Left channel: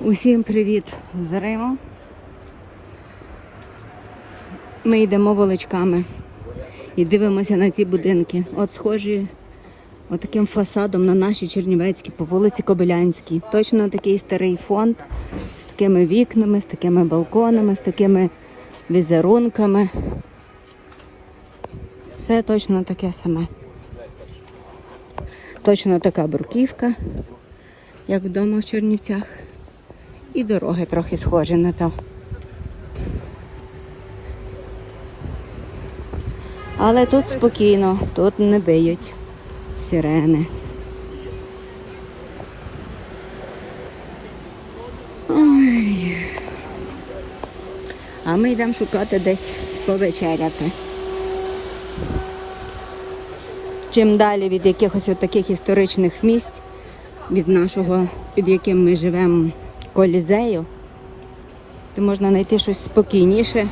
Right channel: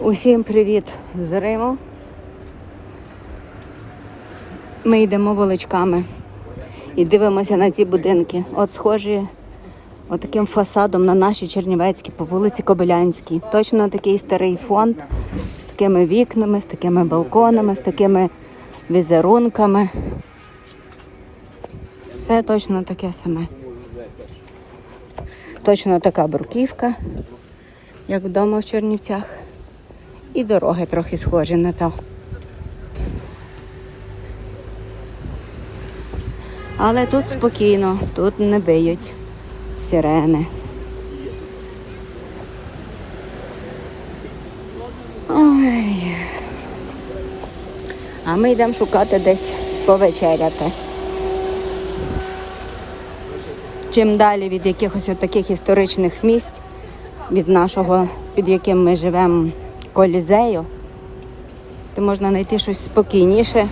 Усім привіт з Риму. Ми йдемо вуличками і дивимося на ці будинки. От схожі отаким фасадом на наші Чернівецькі по вулиці Кобилянській. Точно такий старий фонд з такими вікнами, з такими балконами, з такими візерунками. Все точно таке саме. Точно така бруківка, як вдома в Чернівцях. І дороги трохи схожі на то. Але тут спокійно, тут не биють сирени. Ой. А ми йдемо шукати десь повечеряти. Чим далі від якихось таких історичних місць, від нашого, під яким ми живемо, колізею, то можна знайти щось спокійніше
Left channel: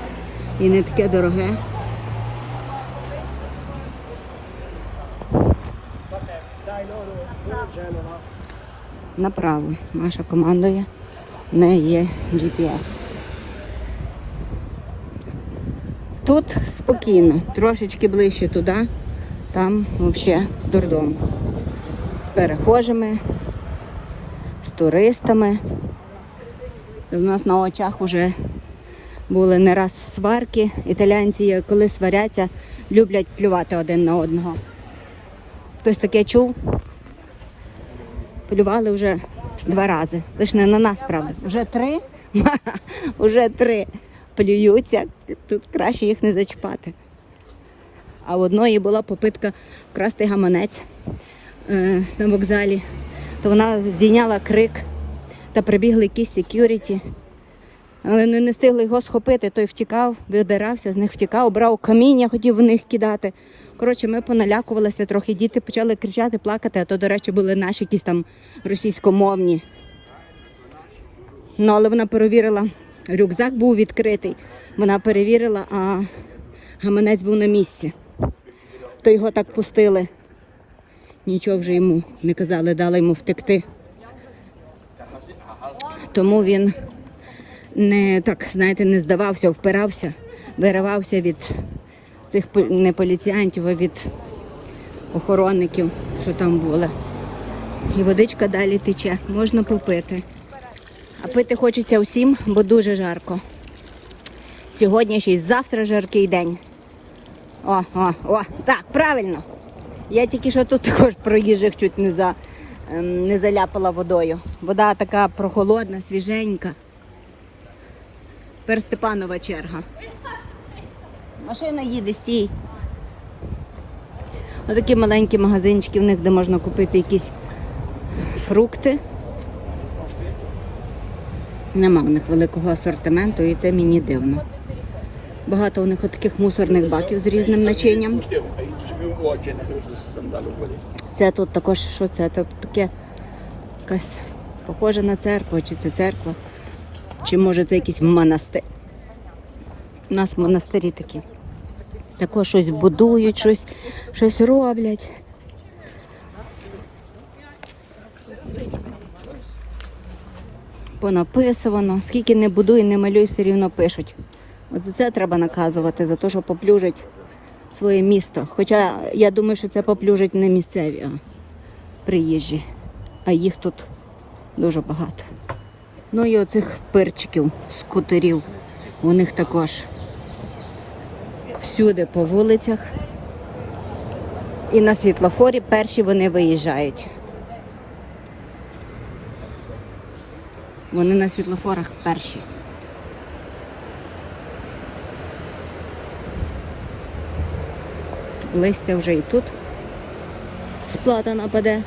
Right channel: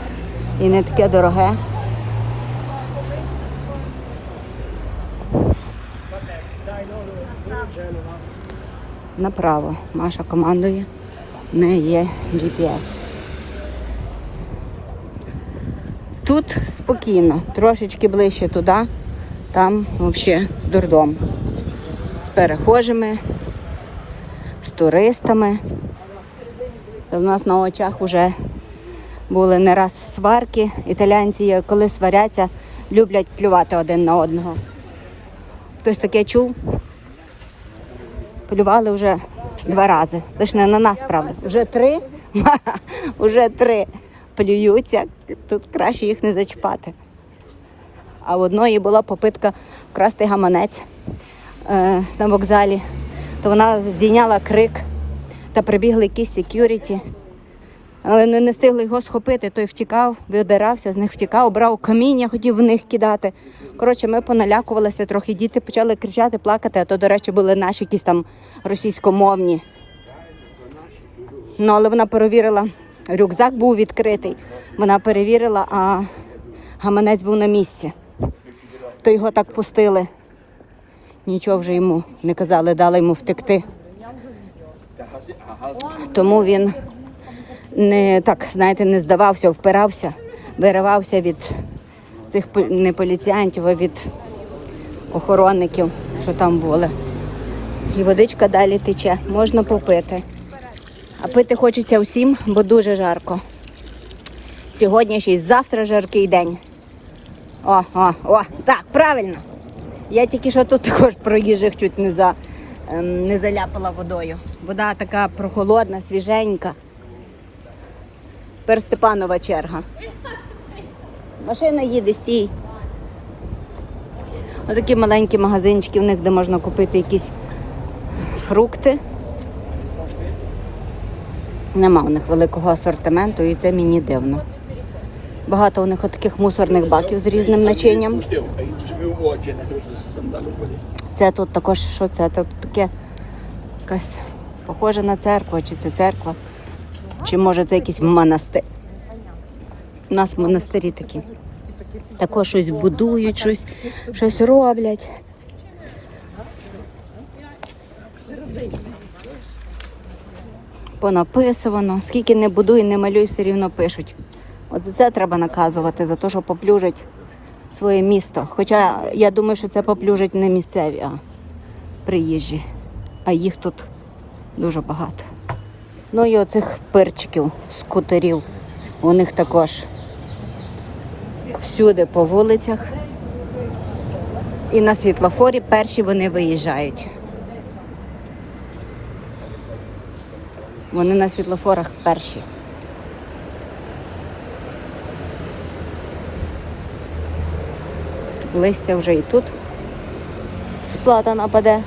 і не таке дороге. Неправо. Маша командує, не є GPS. Тут спокійно, трошечки ближче туди, там взагалі дурдом. З перехожими, туристами. Та в нас на очах вже були не раз сварки. Італійці, коли сваряться, люблять плювати один на одного. Хтось таке чув? Плювали вже два рази. Лише не на нас, правда. Вже три? Вже три плюються. Тут краще їх не зачіпати. А в одної була попитка вкрасти гаманець е, на вокзалі, то вона здійняла крик та прибігли якісь секюріті. Але не, не встигли його схопити, той втікав, видирався, з них втікав, брав каміння, хотів в них кидати. Коротше, ми поналякувалися трохи, діти почали кричати, плакати, а то, до речі, були наші якісь там російськомовні. Ну, але вона перевірила, рюкзак був відкритий. Вона перевірила, а гаманець був на місці. То його так пустили. Нічого вже йому не казали, дали йому втекти. Тому він не так, знаєте, не здавався, впирався, виривався від цих не поліціянтів, а від охоронників, що там були. І водичка далі тече, можна попити. А пити хочеться всім, бо дуже жарко. Сьогодні ще й завтра жаркий день. О, о, о, так, правильно. Я тільки що тут також проїжджих чуть не, за, ем, не заляпала водою. Вода така прохолодна, свіженька. Тепер Степанова черга. Машина їде, стій. Отакі маленькі магазинчики в них, де можна купити якісь фрукти. Нема у них великого асортименту і це мені дивно. Багато у них таких мусорних баків з різним начинням. Це тут також, що це? Тут таке якась похоже на церкву, чи це церква, чи може це якийсь монастир. У нас монастирі такі. Також щось будують, щось, щось роблять. Понаписувано. Скільки не будуй, не малюй, все рівно пишуть. От за це треба наказувати, за те, що поплюжать своє місто. Хоча я думаю, що це поплюжать не місцеві, а приїжджі. А їх тут дуже багато. Ну і оцих перчиків, скутерів. У них також всюди по вулицях. І на світлофорі перші вони виїжджають. Вони на світлофорах перші. Листя вже і тут. Сплата нападе.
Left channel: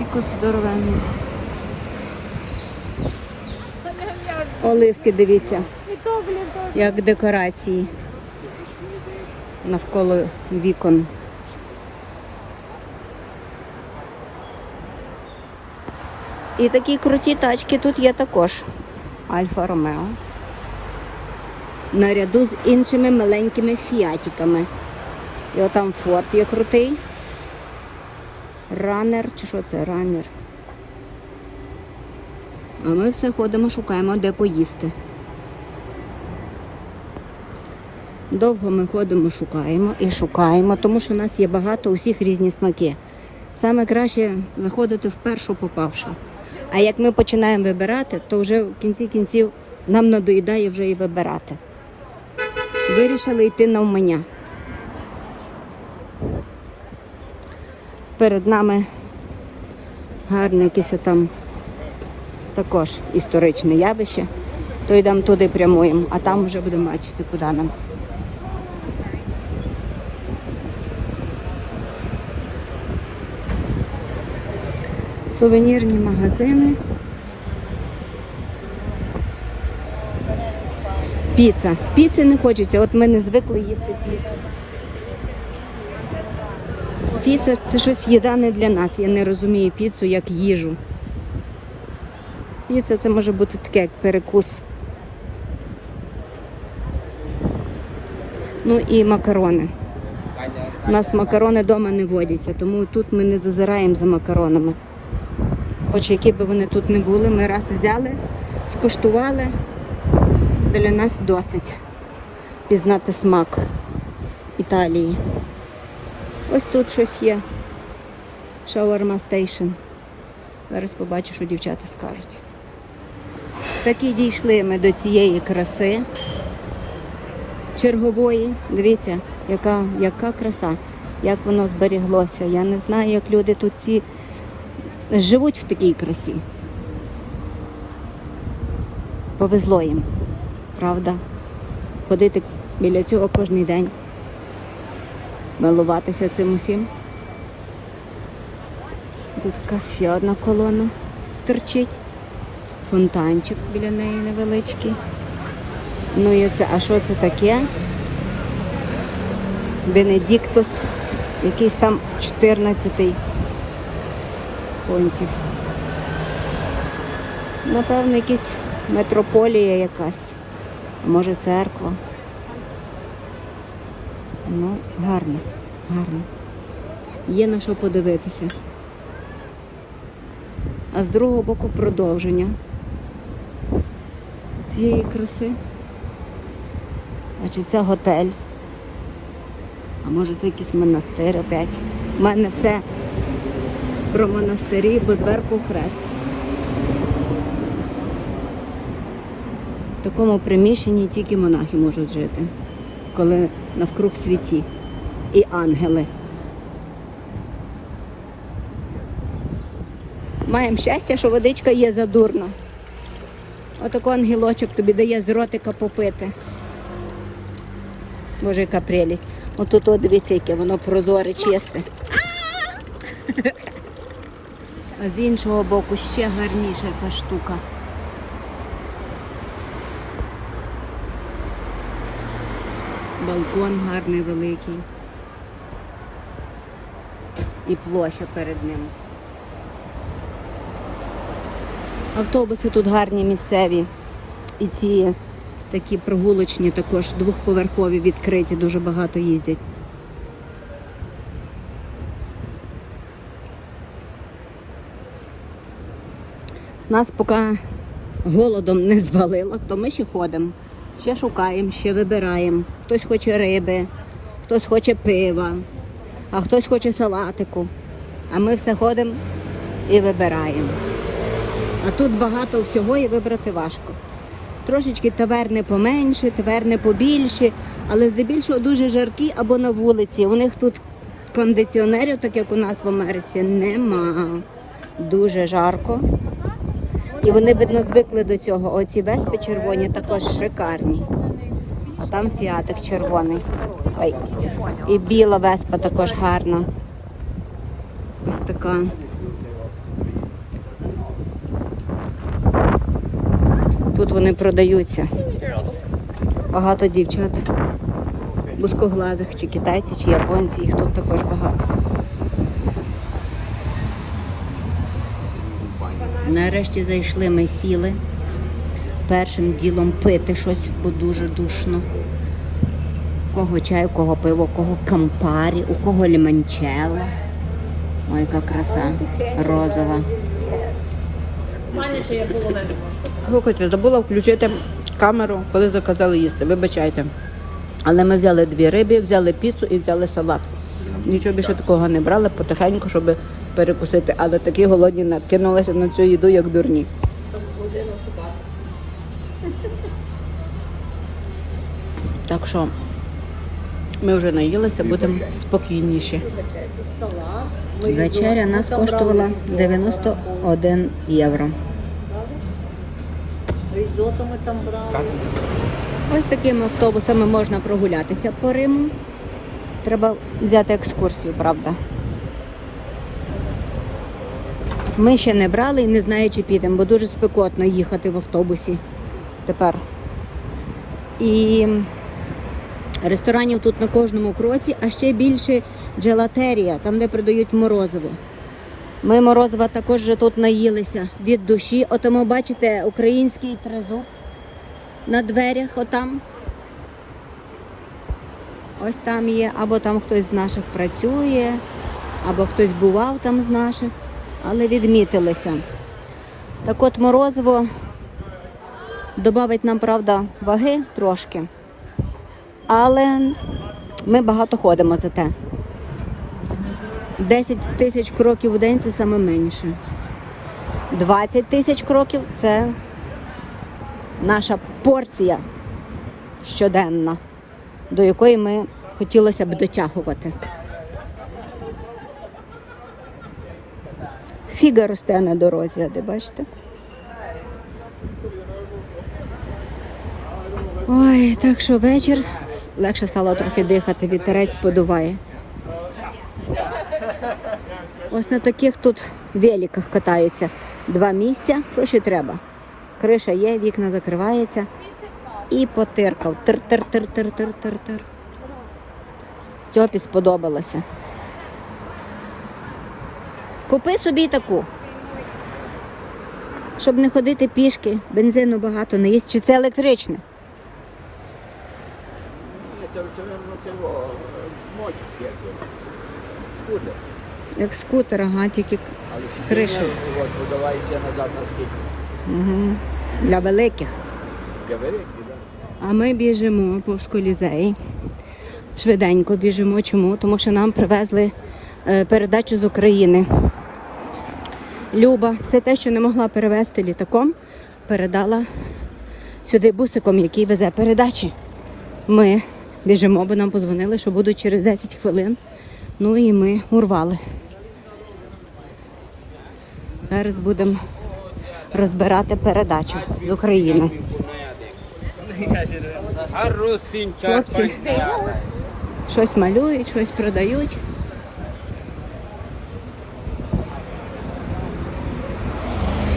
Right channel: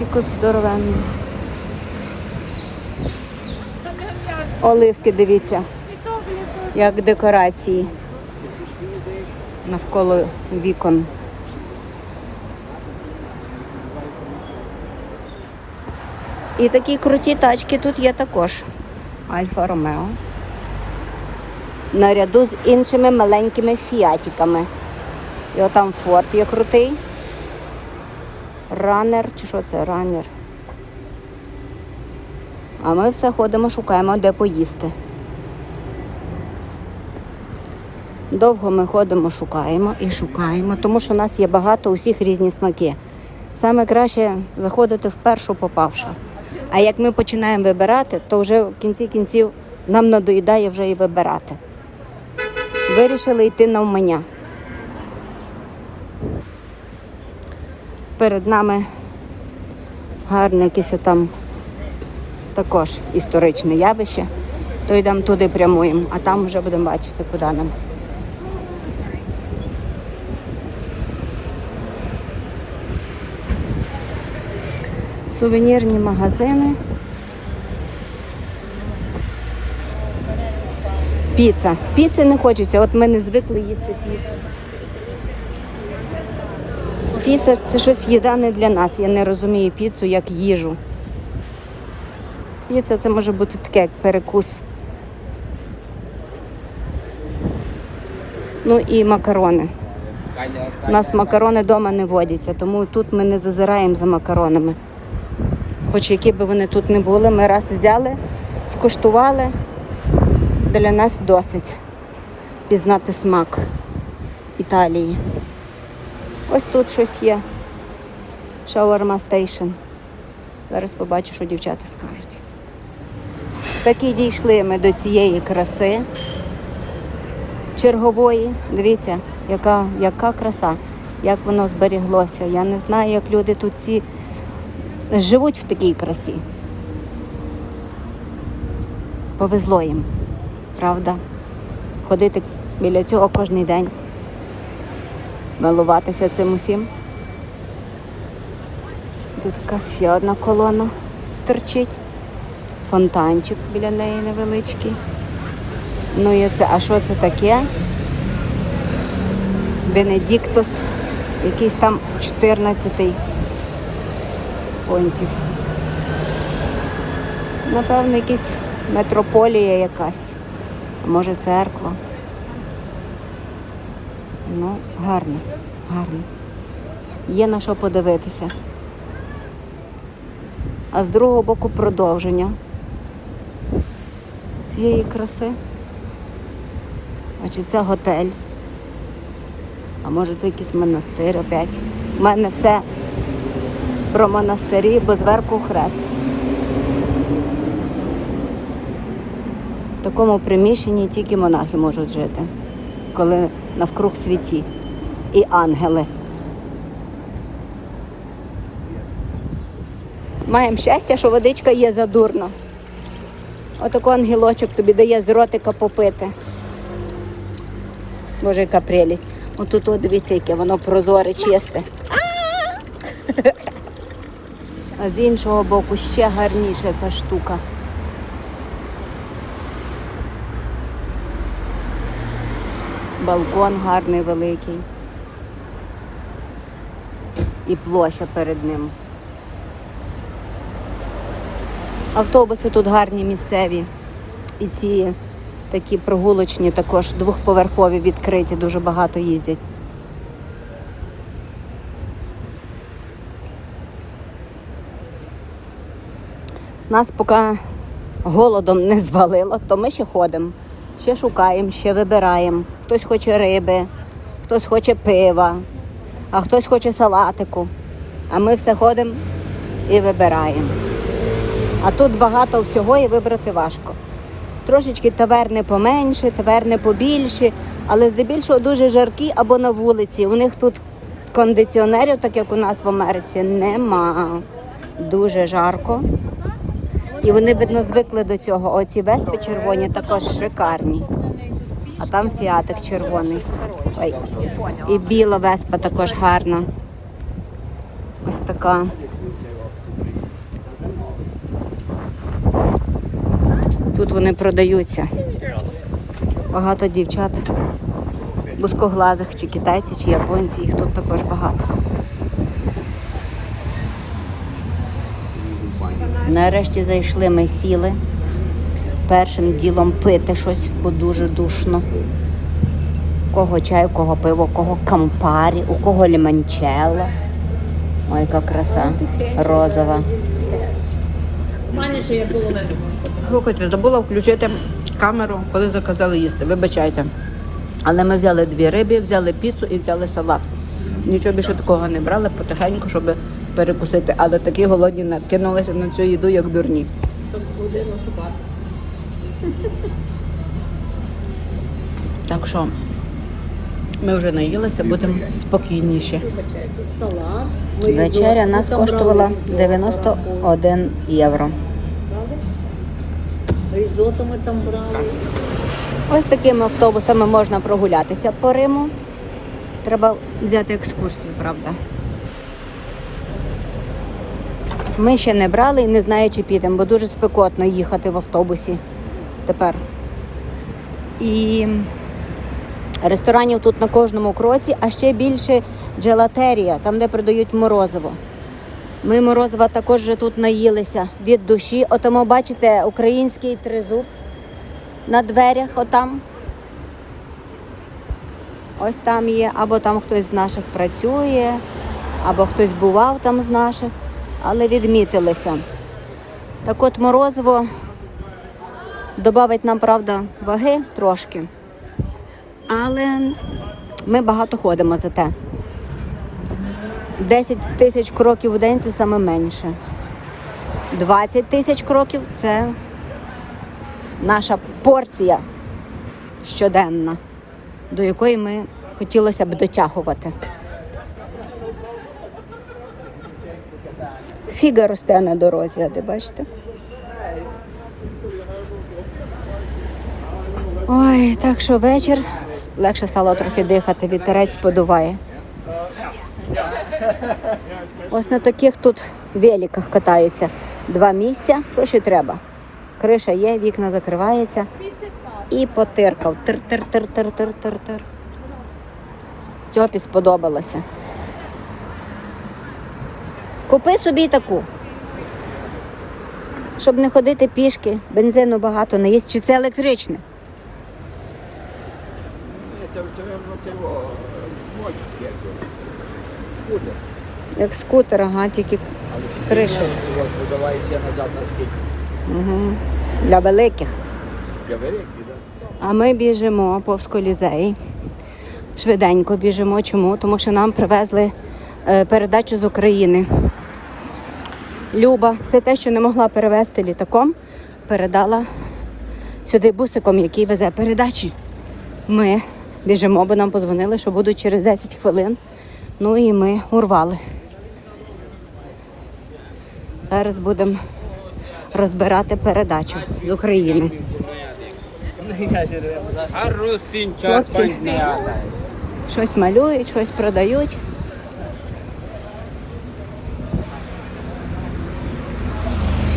Якусь здоровенну. Оливки, дивіться, як декорації навколо вікон. І такі круті тачки тут є також. Альфа Ромео. Наряду з іншими маленькими фіатиками. І отам форт є крутий. Ранер, чи що це ранер? А ми все ходимо, шукаємо, де поїсти. Довго ми ходимо, шукаємо і шукаємо, тому що у нас є багато усіх різні смаки. Саме краще заходити в першу попавшу. А як ми починаємо вибирати, то вже в кінці кінців нам надоїдає вже і вибирати. Вирішили йти навмання. Перед нами гарне якесь там також історичне явище. То йдемо туди прямуємо, а там вже будемо бачити, куди нам. Сувенірні магазини. Піца. Піци не хочеться, от ми не звикли їсти піцу. Піца це щось їда не для нас. Я не розумію піцу як їжу. Піца це може бути таке, як перекус. Ну і макарони. У нас макарони вдома не водяться, тому тут ми не зазираємо за макаронами. Хоч які би вони тут не були, ми раз взяли, скуштували. Для нас досить пізнати смак Італії. Ось тут щось є. Шаурма стейшн. Зараз побачу, що дівчата скажуть. Таки дійшли ми до цієї краси чергової. Дивіться, яка, яка краса, як воно зберіглося. Я не знаю, як люди тут ці живуть в такій красі. Повезло їм, правда? Ходити біля цього кожен день, милуватися цим усім. Тут якась ще одна колона стерчить. Фонтанчик біля неї невеличкий. Ну і це, а що це таке? Бенедіктос, якийсь там 14-й понтів. Напевно, якась метрополія якась. А може церква. Ну, гарно, гарно. Є на що подивитися. А з другого боку продовження цієї краси. Значить, це готель. А може це якийсь монастир опять. У мене все про монастирі, бо зверху хрест. В такому приміщенні тільки монахи можуть жити, коли навкруг світі і ангели. Маємо щастя, що водичка є задурна. Отако ангелочок тобі дає з ротика попити. Боже, яка прелість. Отут, от, дивіться, яке воно прозоре, чисте. А з іншого боку ще гарніша ця штука. Балкон гарний великий. І площа перед ним. Автобуси тут гарні місцеві. І ці такі прогулочні також двохповерхові відкриті, дуже багато їздять. Нас поки голодом не звалило, то ми ще ходимо, ще шукаємо, ще вибираємо. Хтось хоче риби, хтось хоче пива, а хтось хоче салатику. А ми все ходимо і вибираємо. А тут багато всього і вибрати важко. Трошечки таверни поменше, таверни побільші, але здебільшого дуже жаркі або на вулиці. У них тут кондиціонерів, так як у нас в Америці, нема. Дуже жарко. І вони, видно, звикли до цього. Оці веспи червоні також шикарні. А там фіатик червоний. Ой. І біла веспа також гарна. Ось така. Тут вони продаються. Багато дівчат, бускоглазих, чи китайці, чи японці, їх тут також багато. Нарешті зайшли, ми сіли. Першим ділом пити щось, бо дуже душно. У кого чай, у кого пиво, у кого кампарі, у кого ліманчелло. Ой, яка краса. Розова. У мене ще є половина. Слухайте, забула включити камеру, коли заказали їсти. Вибачайте. Але ми взяли дві риби, взяли піцу і взяли салат. Нічого більше такого не брали, потихеньку, щоб перекусити. Але такі голодні накинулися на цю їду, як дурні. Тобто годину шукати. Так що ми вже наїлися, будемо спокійніші. Вечеря нас коштувала 91 євро. Різото ми там брали. Ось такими автобусами можна прогулятися по Риму. Треба взяти екскурсію, правда. Ми ще не брали і не знаю, чи підемо, бо дуже спекотно їхати в автобусі тепер. І ресторанів тут на кожному кроці, а ще більше джелатерія, там, де продають морозиво. Ми морозива також вже тут наїлися від душі. Отому бачите український тризуб на дверях отам. Ось там є, або там хтось з наших працює, або хтось бував там з наших, але відмітилися. Так от морозиво додавить нам, правда, ваги трошки. Але ми багато ходимо за те. 10 тисяч кроків у день це саме менше. 20 тисяч кроків це наша порція щоденна, до якої ми хотілося б дотягувати. Фіга росте на дорозі, де бачите? Ой, так що вечір легше стало трохи дихати, вітерець подуває. Ось на таких тут великах катаються. Два місця. Що ще треба? Криша є, вікна закриваються. І потиркав. Тир-тир-тир-тир-тир-тир-тир. Стьопі сподобалося. Купи собі таку. Щоб не ходити пішки, бензину багато не їсть. Чи це електричне? Ні, це. Скутер. Як скутер, ага, тільки. От подавається назад на скільки. угу. для великих. А ми біжимо повз колізей. Швиденько біжимо. Чому? Тому що нам привезли е, передачу з України. Люба, все те, що не могла перевезти літаком, передала сюди бусиком, який везе передачі. Ми біжимо, бо нам позвонили, що будуть через 10 хвилин. Ну і ми урвали. Зараз будемо розбирати передачу з України. А Рустин Хлопці щось малюють, щось продають.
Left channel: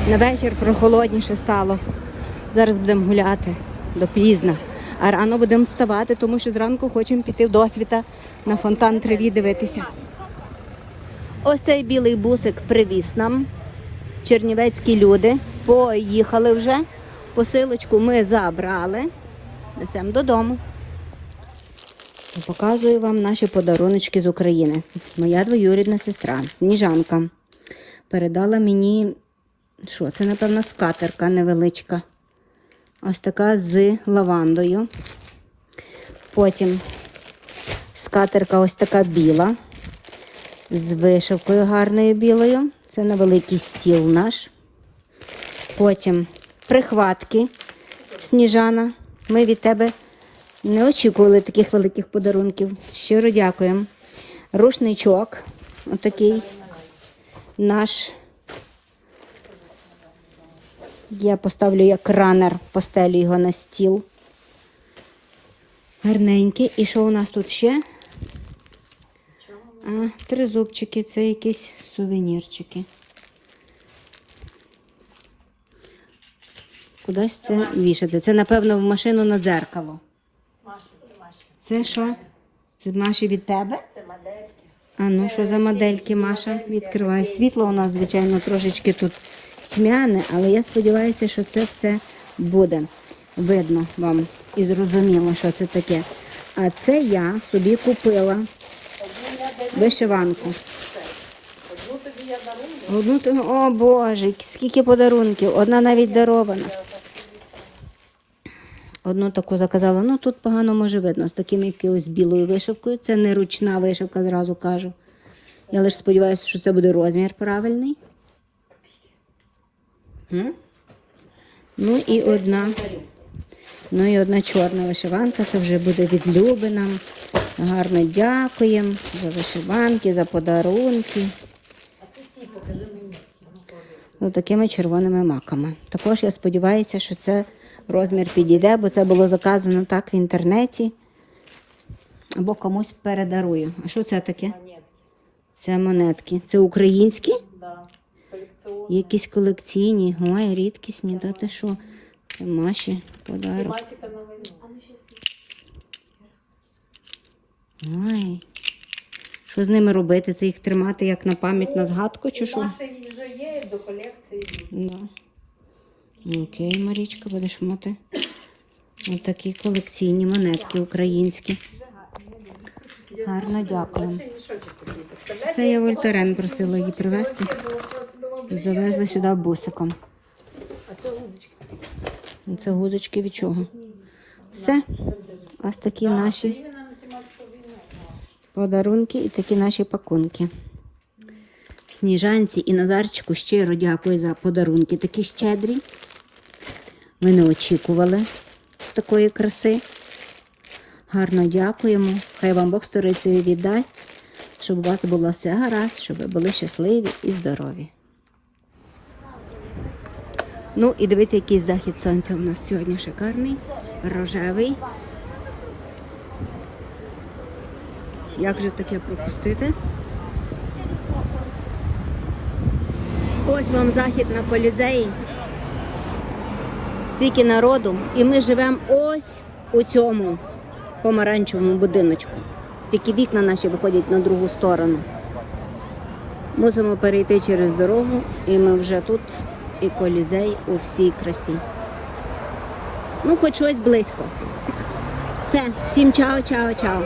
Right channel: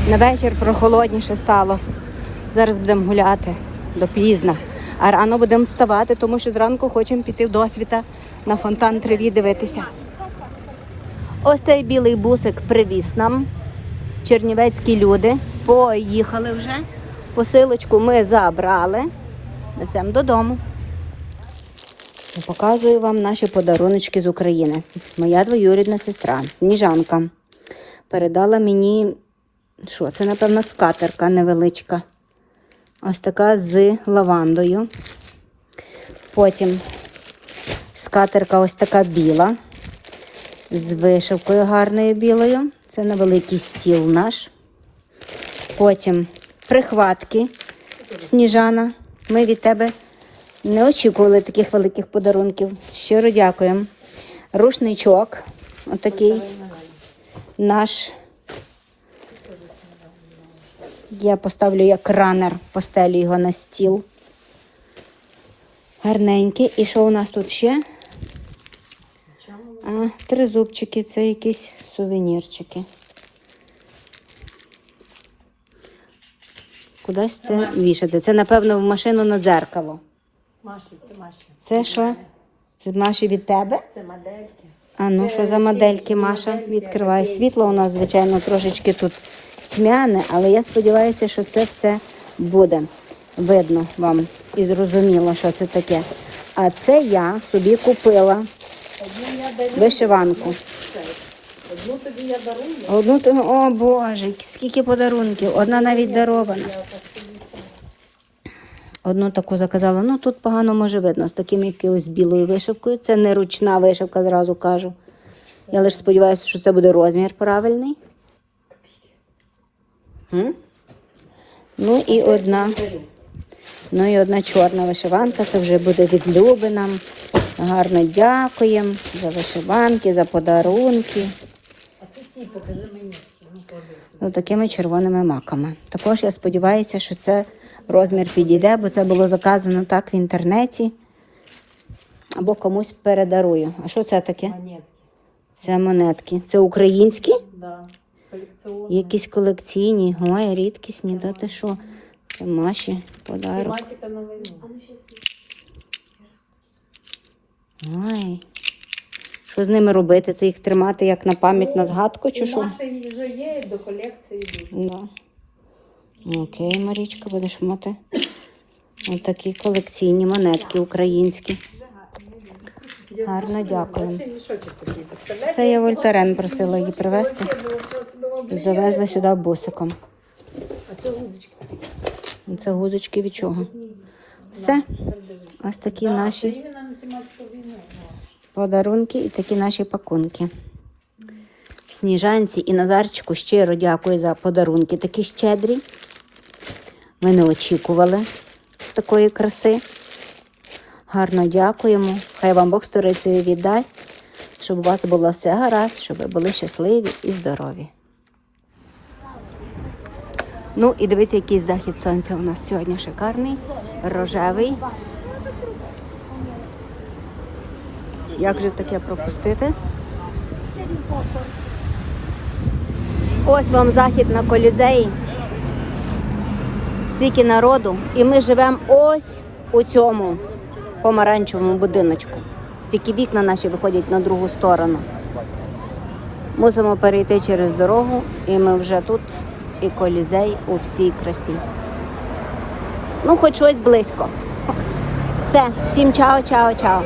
На вечір прохолодніше стало. Зараз будемо гуляти до пізна. А рано будемо вставати, тому що зранку хочемо піти в досвіта на фонтан Треві дивитися. Ось цей білий бусик привіз нам. Чернівецькі люди поїхали вже. Посилочку ми забрали. Несемо додому. Показую вам наші подаруночки з України. Моя двоюрідна сестра Сніжанка передала мені, що це, напевно, скатерка невеличка. Ось така з лавандою. Потім скатерка ось така біла, з вишивкою гарною білою. Це на великий стіл наш. Потім прихватки Сніжана. Ми від тебе не очікували таких великих подарунків. Щиро дякуємо. Рушничок, отакий наш. Я поставлю як ранер, постелю його на стіл. Гарненький. І що у нас тут ще? А, три зубчики, це якісь сувенірчики. Кудись це вішати. Це, напевно, в машину на дзеркало. Маші, це Маші. Це що? Це Маші від тебе? Це модельки. А ну що за модельки, Маша? Відкривай. Світло у нас, звичайно, трошечки тут тьмяне, але я сподіваюся, що це все буде видно вам і зрозуміло, що це таке. А це я собі купила вишиванку. Одну тобі я дарую. Одну о Боже, скільки подарунків. Одна навіть дарована. Одну таку заказала. Ну тут погано може видно, з таким якоюсь білою вишивкою. Це не ручна вишивка, зразу кажу. Я лише сподіваюся, що це буде розмір правильний. Ну і одна. Ну і одна чорна вишиванка, це вже буде від Люби нам. Гарно дякуємо за вишиванки, за подарунки. Мені. З такими червоними маками. Також я сподіваюся, що це розмір підійде, бо це було заказано так в інтернеті. Або комусь передарую. А що це таке? Монетки. Це монетки. Це українські? Да. Колекціонні. Якісь колекційні, ой, рідкісні, та ти що? Це Маші подарок. Ой. Що з ними робити? Це їх тримати як на пам'ять на згадку чи що? Маші вже є до колекції. Да. Окей, Марічка, будеш мати. Отакі колекційні монетки українські. Гарно дякую. Це я як Вольтарен просила її привезти. Завезла сюди бусиком. Це гудочки від чого? Все. Ось такі наші подарунки і такі наші пакунки. Сніжанці і Назарчику щиро дякую за подарунки такі щедрі. Ми не очікували такої краси. Гарно дякуємо. Хай вам Бог сторицею віддасть, щоб у вас було все гаразд, щоб ви були щасливі і здорові. Ну і дивіться, який захід сонця у нас сьогодні шикарний, рожевий. Як же таке пропустити? Ось вам захід на колізеї. Стільки народу. І ми живемо ось у цьому помаранчевому будиночку. Тільки вікна наші виходять на другу сторону. Мусимо перейти через дорогу, і ми вже тут, і колізей у всій красі. Ну, хоч щось близько. Все, всім чао, чао, чао.